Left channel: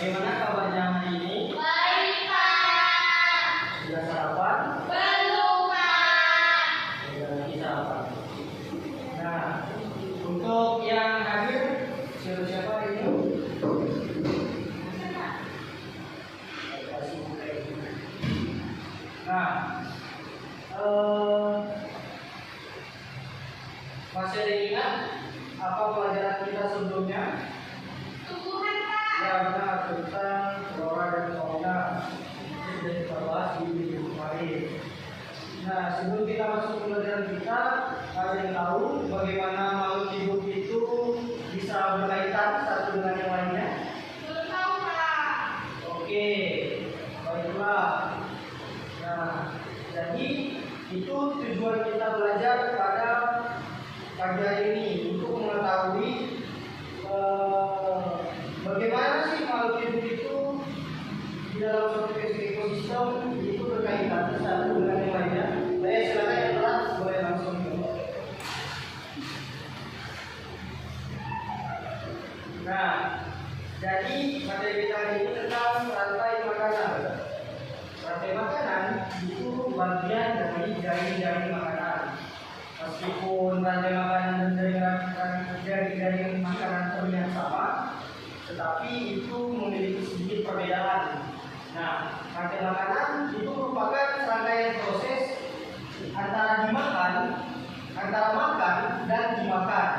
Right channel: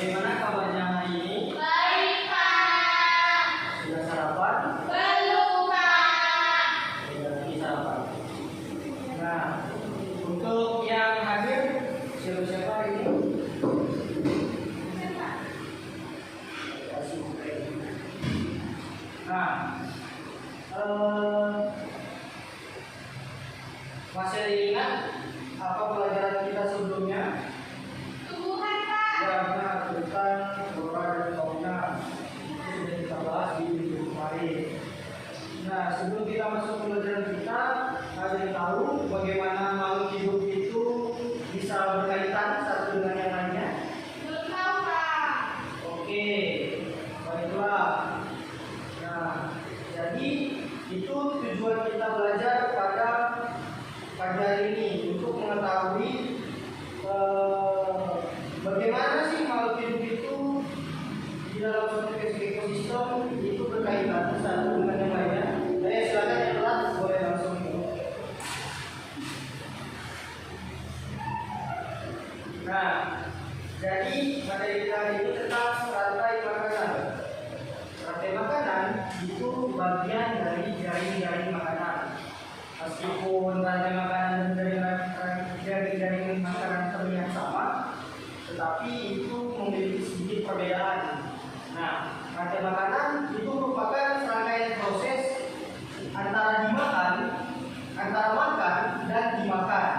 Bagaimana kabarnya hari ini? Baik, Pak. Sudah sarapan? Belum, Pak. Sudah lagi sarapan. Nah, untuk yang hadir siapa ini? Nah, masih ada ingat apa pelajaran kita sebelumnya? Tumbuhan, Pak. Ya benar, tentang flora dan fauna. Itu sudah kita bahas di minggu kemarin. Nah, sebelum kita masuk ke pelajaran kita, ada yang tahu bagaimana makhluk hidup itu bisa berkaitan satu dengan yang lainnya? Belum tahu, Pak. Oke, baiklah. Nah, jadi itu tujuan kita belajar pada pagi hari ini untuk mengetahui bagaimana sih makhluk hidup itu di dalam suatu ekosistem itu berkaitan satu dengan yang lainnya. Silakan yang kelas boleh langsung. Nah, jadi materi kita hari ini tentang rantai makanan. Rantai makanan itu bagian dari jaring-jaring makanan. Meskipun rantai makanan dan jaring-jaring makanan terlihat sama, tetapi itu memiliki sedikit perbedaan. Nah, rantai makanan itu merupakan serangkaian proses antara makan dan dimakan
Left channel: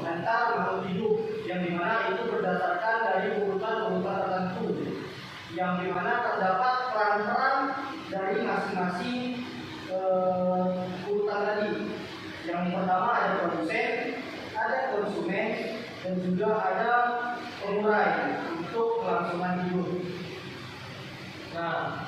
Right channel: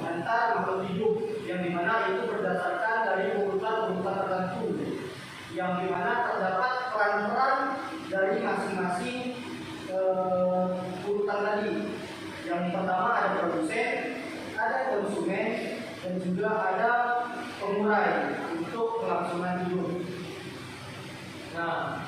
antara makhluk hidup, yang dimana itu berdasarkan dari urutan-urutan tertentu, yang dimana terdapat peran-peran dari masing-masing urutan tadi. Yang pertama ada produsen, ada konsumen, dan juga ada pengurai untuk kelangsungan hidup. Nah,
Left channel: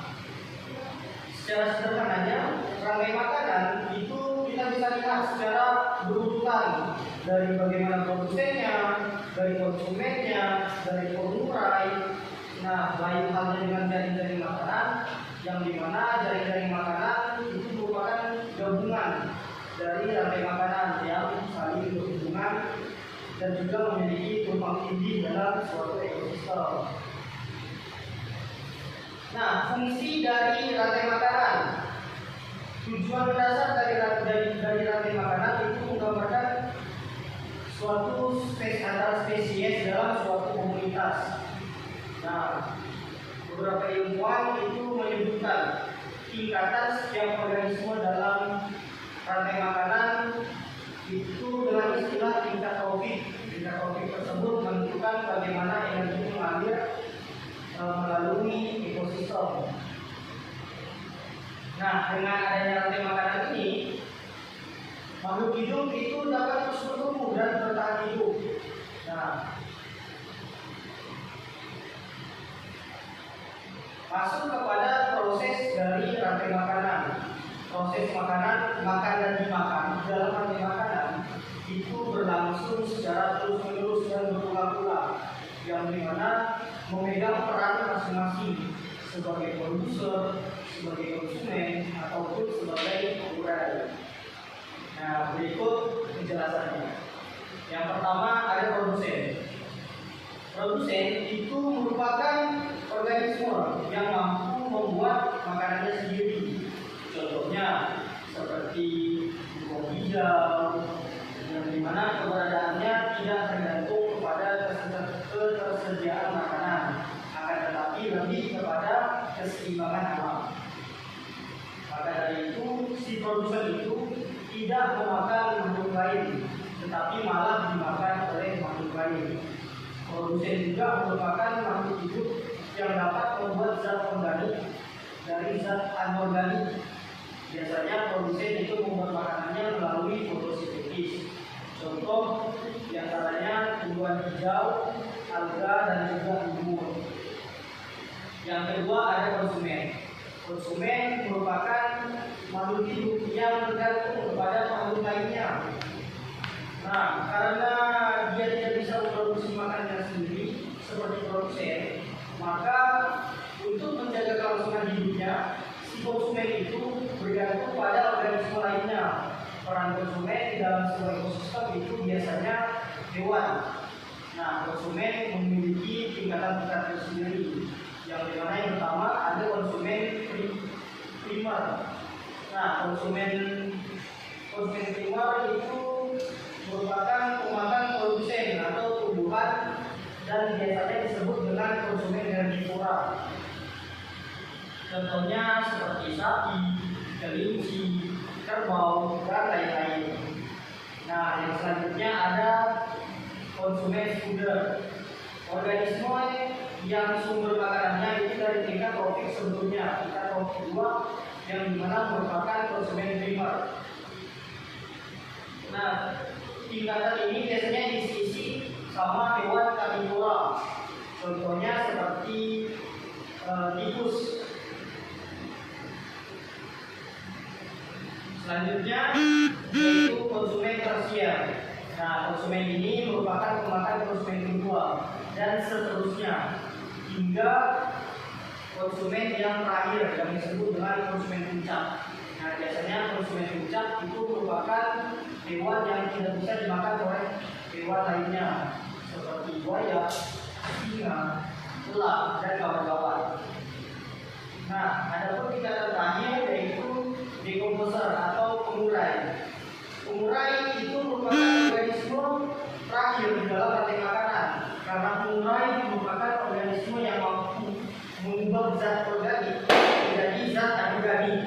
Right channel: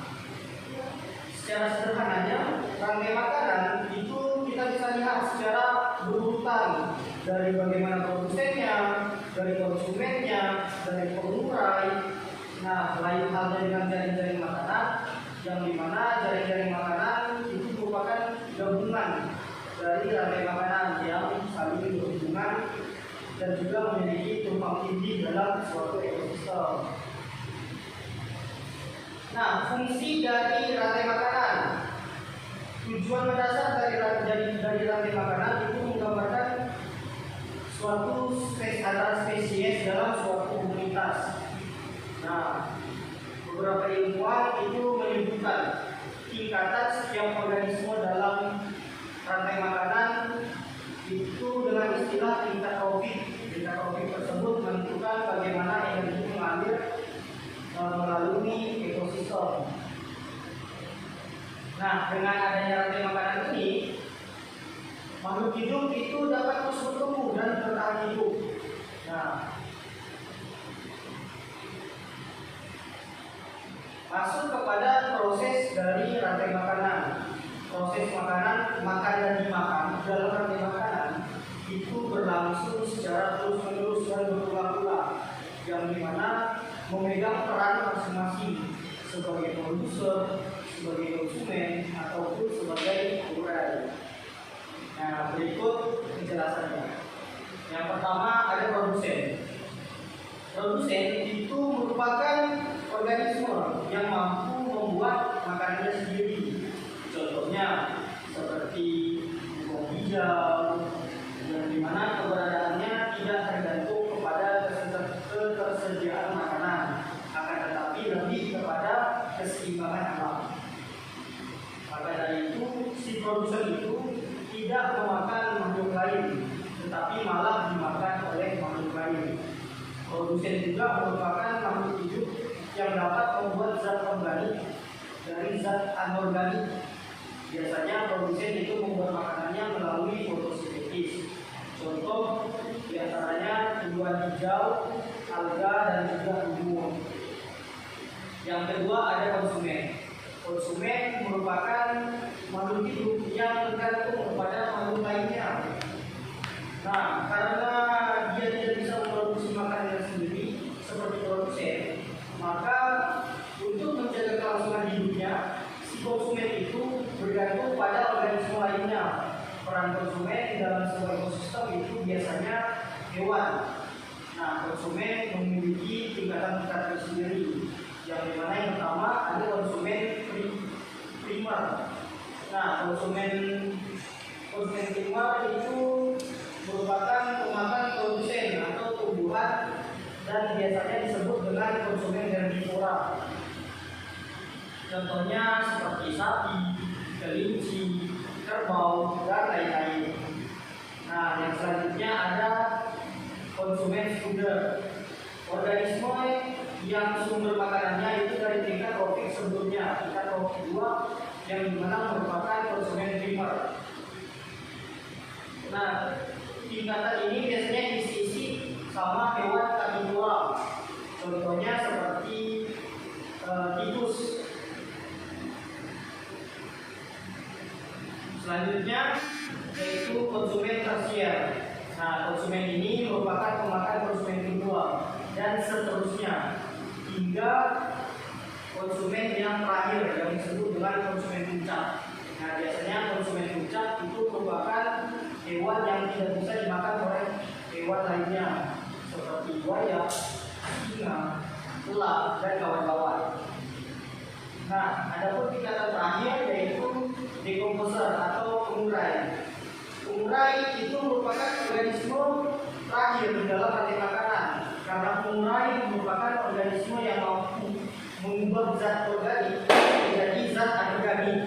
secara sederhananya rantai makanan itu kita bisa lihat secara berurutan dari bagaimana produsennya, dari konsumennya, dari pengurai. Nah, lain halnya dengan jaring-jaring makanan, yang dimana jaring-jaring makanan itu merupakan gabungan dari rantai makanan yang saling berhubungan dan juga memiliki tumpang tindih dalam suatu ekosistem. Nah, fungsi dari rantai makanan, tujuan mendasar dari rantai makanan itu menggambarkan suatu antar spesies dalam suatu komunitas. Nah, beberapa ilmuwan itu menyebutkan tingkatan setiap organisme dalam rantai makanan itu dengan istilah tingkat trofik. Tingkat trofik tersebut menentukan bagaimana energi mengalir melalui ekosistem. Nah, dengan adanya rantai makanan ini, makhluk hidup itu dapat terus bertumbuh dan bertahan hidup. Nah, masuk kepada proses dari rantai makanan. Proses makan dan dimakan dalam rantai makanan itu berlangsung secara terus-menerus dan berulang-ulang, yang dimana memegang peran masing-masing sebagai produser, sebagai konsumen, ataupun sebagai pengurai. Nah, berikut penjelasannya. Yang pertama ada produsen. Produsen itu merupakan organisme yang mampu membuat makanannya sendiri. Contohnya seperti buah hijau, yang dimana keberadaannya tidak tergantung kepada ketersediaan makanan, akan tetapi lebih kepada keseimbangan alam. Maka dari itu, si produsen itu tidak memakan makhluk lain, tetapi malah dimakan oleh makhluk lain. Produsen juga merupakan makhluk hidup yang dapat membuat zat organik dari zat anorganik. Biasanya produsen itu membuat makanannya melalui fotosintesis. Contoh diantaranya tumbuhan hijau, alga, dan juga umur. Yang kedua ada konsumen. Konsumen merupakan makhluk hidup yang tergantung kepada makhluk lainnya. Nah, karena dia tidak bisa memproduksi makanannya sendiri seperti produsen, maka untuk menjaga kelangsungan hidupnya, si konsumen itu bergantung pada organisme lainnya. Peran konsumen di dalam sebuah ekosistem itu biasanya hewan. Nah, konsumen memiliki tingkatan-tingkatan tersendiri. Yang dimana yang pertama ada konsumen primer. Nah, konsumen primer itu merupakan pemakan produsen atau tumbuhan dan biasanya disebut dengan konsumen herbivora. Contohnya seperti sapi, kelinci, kerbau, dan lain-lain. Nah, yang selanjutnya ada konsumen sekunder. Organisme yang sumber makanannya itu dari tingkat tropik sebelumnya, tingkat tropik 2 yang dimana merupakan konsumen primer. Nah, tingkatan ini biasanya diisi sama hewan karnivora. Contohnya seperti tikus. Selanjutnya yaitu konsumen tersier. Nah, konsumen ini merupakan pemakan konsumen kedua dan seterusnya hingga konsumen yang terakhir yang disebut dengan konsumen puncak. Nah, biasanya konsumen puncak itu merupakan hewan yang tidak bisa dimakan oleh hewan lainnya seperti buaya, singa, ular, dan kawan-kawan. Nah, ada pun tingkatan terakhir yaitu decomposer atau pengurai. Pengurai itu merupakan organisme terakhir di dalam rantai makanan karena pengurai merupakan organisme yang mampu mengubah zat organik menjadi zat anorganik.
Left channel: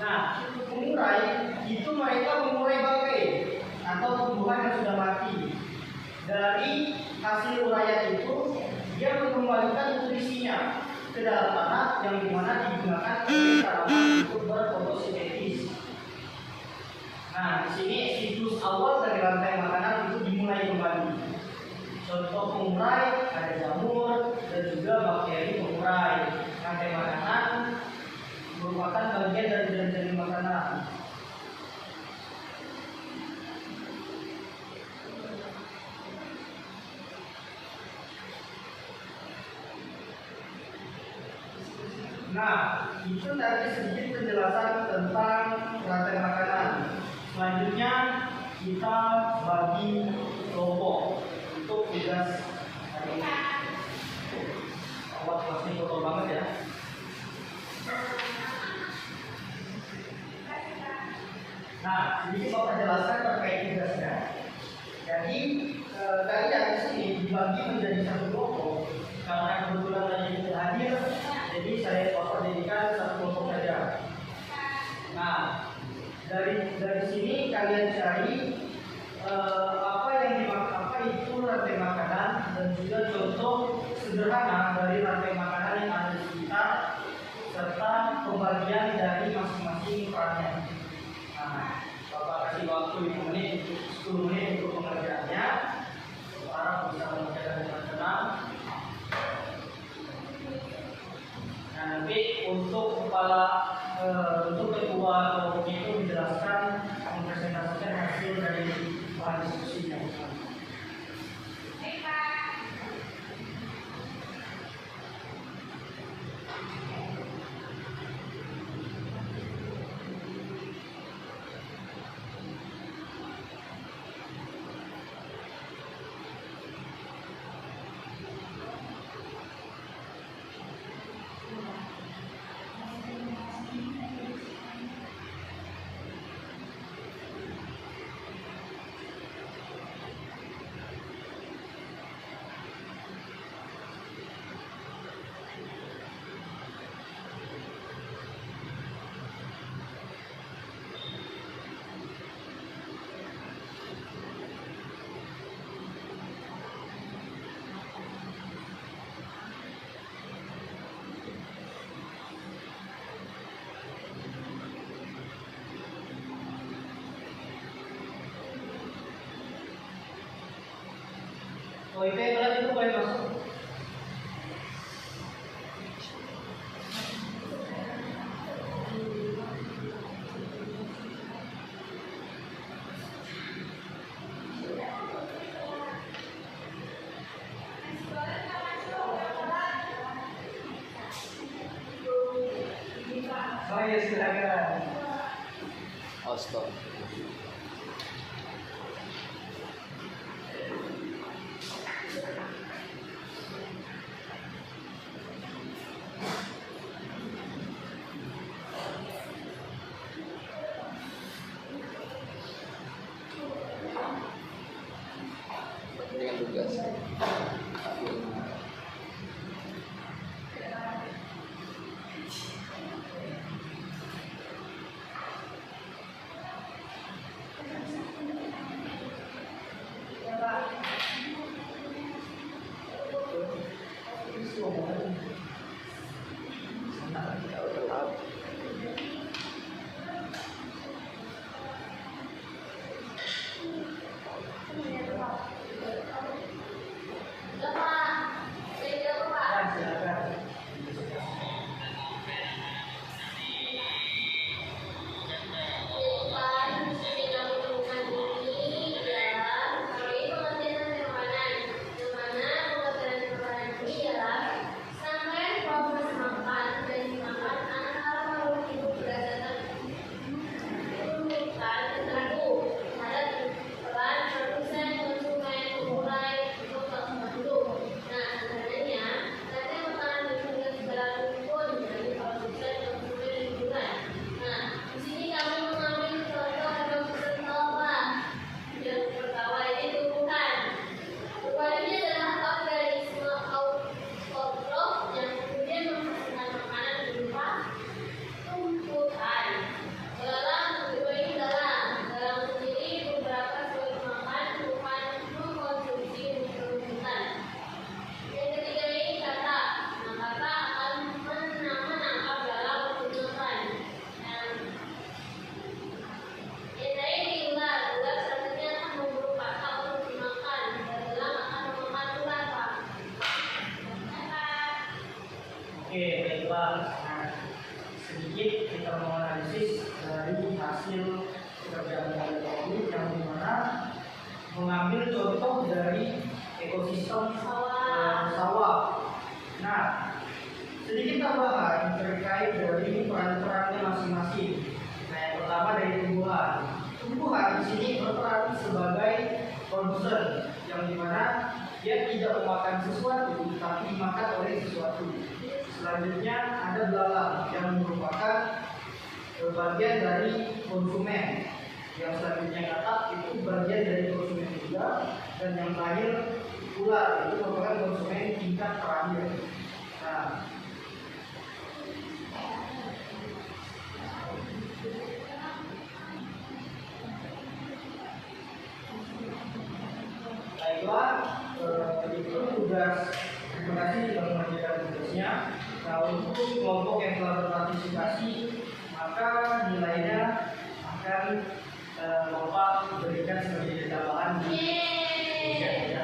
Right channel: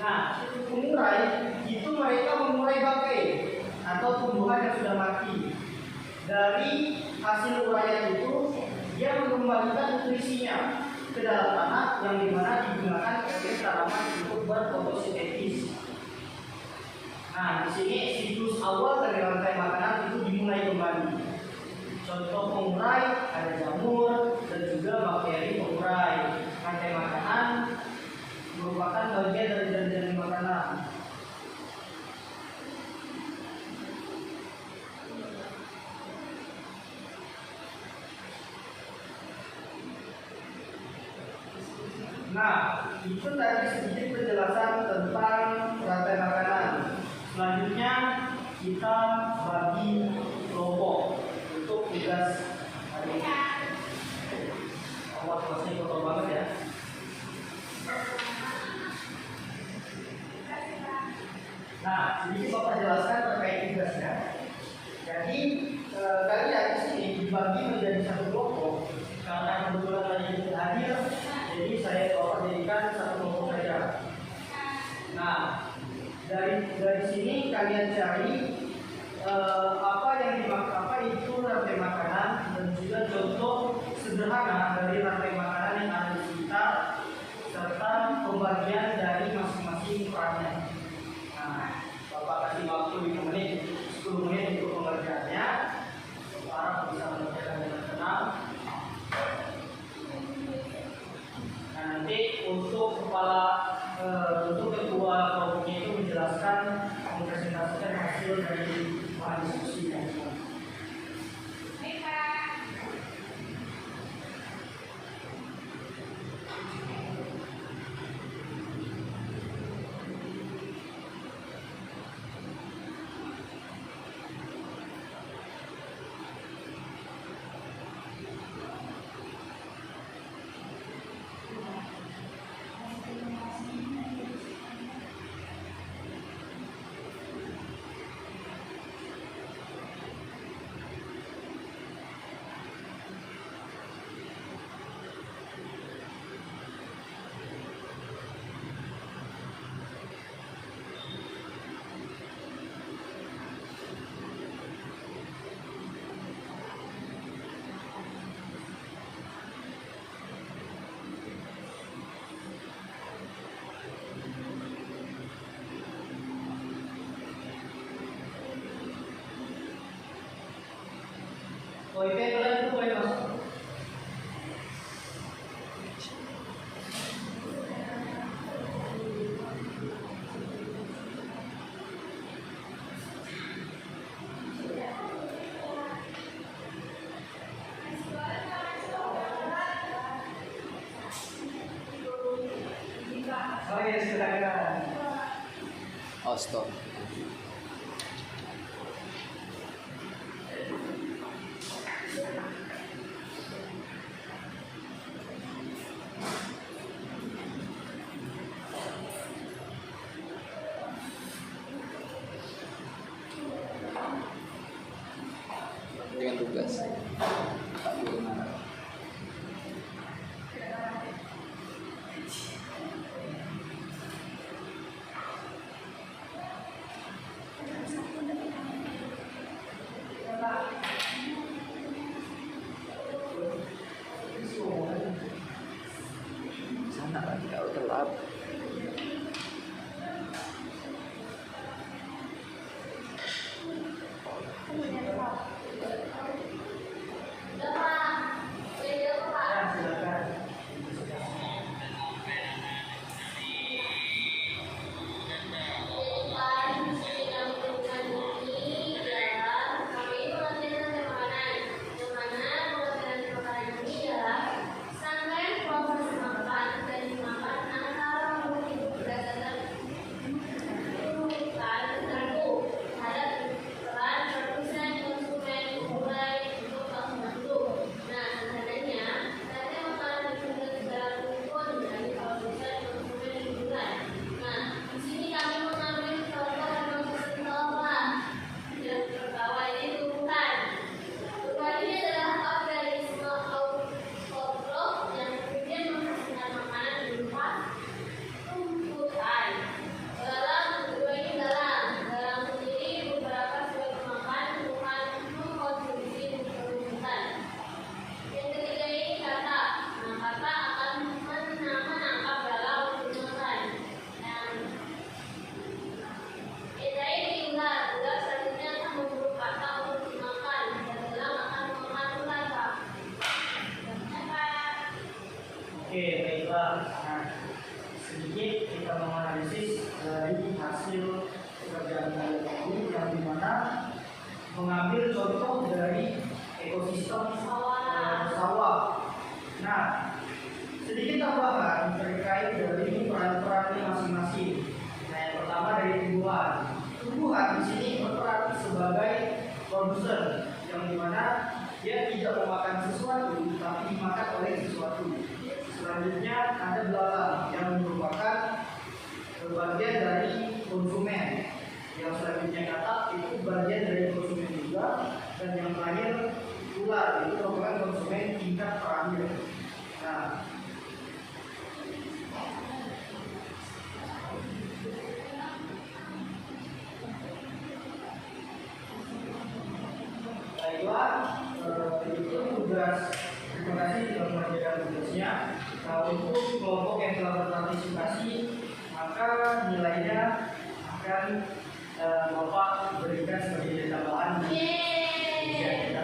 Nah, pengurai itu mereka mengurai bangkai atau tumbuhan yang sudah mati. Dari hasil uraian itu dia mengembalikan nutrisinya ke dalam tanah yang dimana digunakan sebagai tanaman untuk berfotosintesis. Nah, di sini siklus awal dari rantai makanan itu dimulai kembali. Contoh pengurai ada jamur dan juga bakteri pengurai. Rantai makanan merupakan bagian dari jaringan makanan. Nah, itu tadi sedikit penjelasan tentang rantai makanan. Selanjutnya kita bagi kelompok untuk tugas hari ini. Masih kotor banget ya. Nah, sedikit Bapak jelaskan terkait tugasnya. Jadi kalian di sini dibagi menjadi satu kelompok. Karena kebetulan tadi tidak hadir, jadi saya jadikan satu kelompok saja. Nah, dari sini kalian cari apa itu rantai makanan dan juga contoh sederhana dari rantai makanan yang ada di sekitar serta pembagian dari masing-masing perannya. Nah, Bapak kasih waktu 5 menit, 10 menit untuk pengerjaannya. Para bisa mengerjakan dengan tenang. Nah, nanti untuk untuk ketua kelompoknya itu menjelaskan mempresentasikan hasil dari bahan diskusinya. Oh, itu kalian itu boleh masuk. Oh iya, silakan. Oh, stop. Oke, baiklah. Nah, sedikit kita menganalisis dari hasil pekerjaan kali ini yang dimana mengambil contoh dari ekosistem sawah. Nah, sedikit tambahan terkait dari peran-perannya masing-masing. Nah, yang pertama dari tumbuhan. Tumbuhan di sini berperan sebagai produsen yang dimana dia tidak memakan sesuatu, tapi dimakan oleh sesuatu. Selanjutnya ada belalang yang merupakan bagian dari konsumen. Yang selanjutnya katak itu bagian dari konsumen juga, dan yang terakhir ular itu merupakan konsumen tingkat terakhir. Nah, baiklah, itu tugas. Terima kasih telah mengerjakan tugasnya. Nah, untuk kelompok yang telah berpartisipasi, maka nilainya akan Bapak berikan sebagai tambahan di ujian.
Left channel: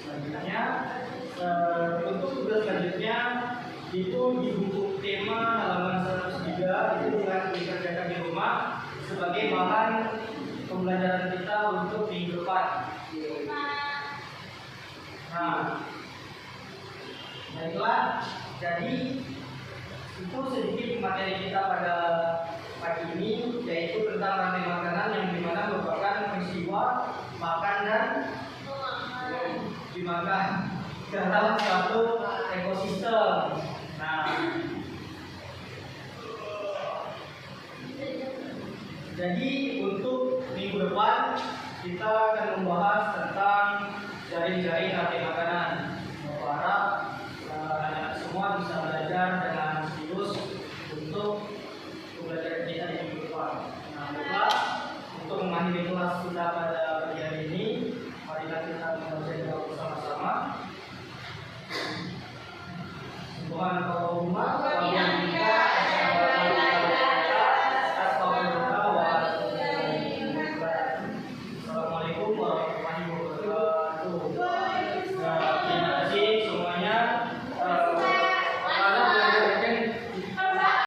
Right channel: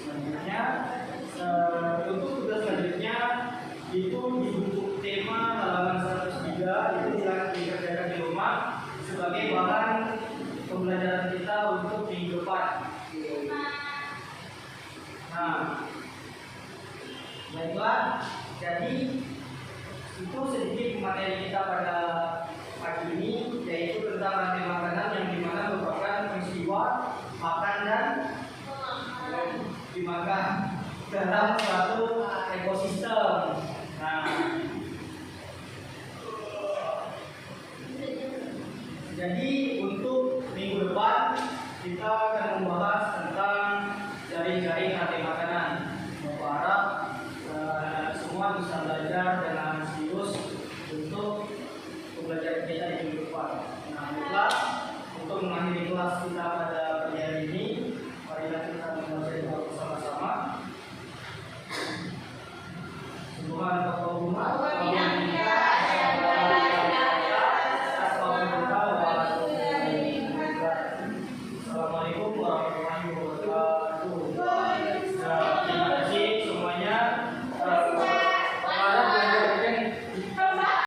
Selanjutnya, untuk tugas selanjutnya itu di buku tema halaman 103 itu silahkan dikerjakan di rumah sebagai bahan pembelajaran kita untuk minggu depan. Nah, baiklah, jadi itu sedikit materi kita pada pagi ini, yaitu tentang rantai makanan yang dimana merupakan peristiwa makan dan dimakan dalam suatu ekosistem. Nah, jadi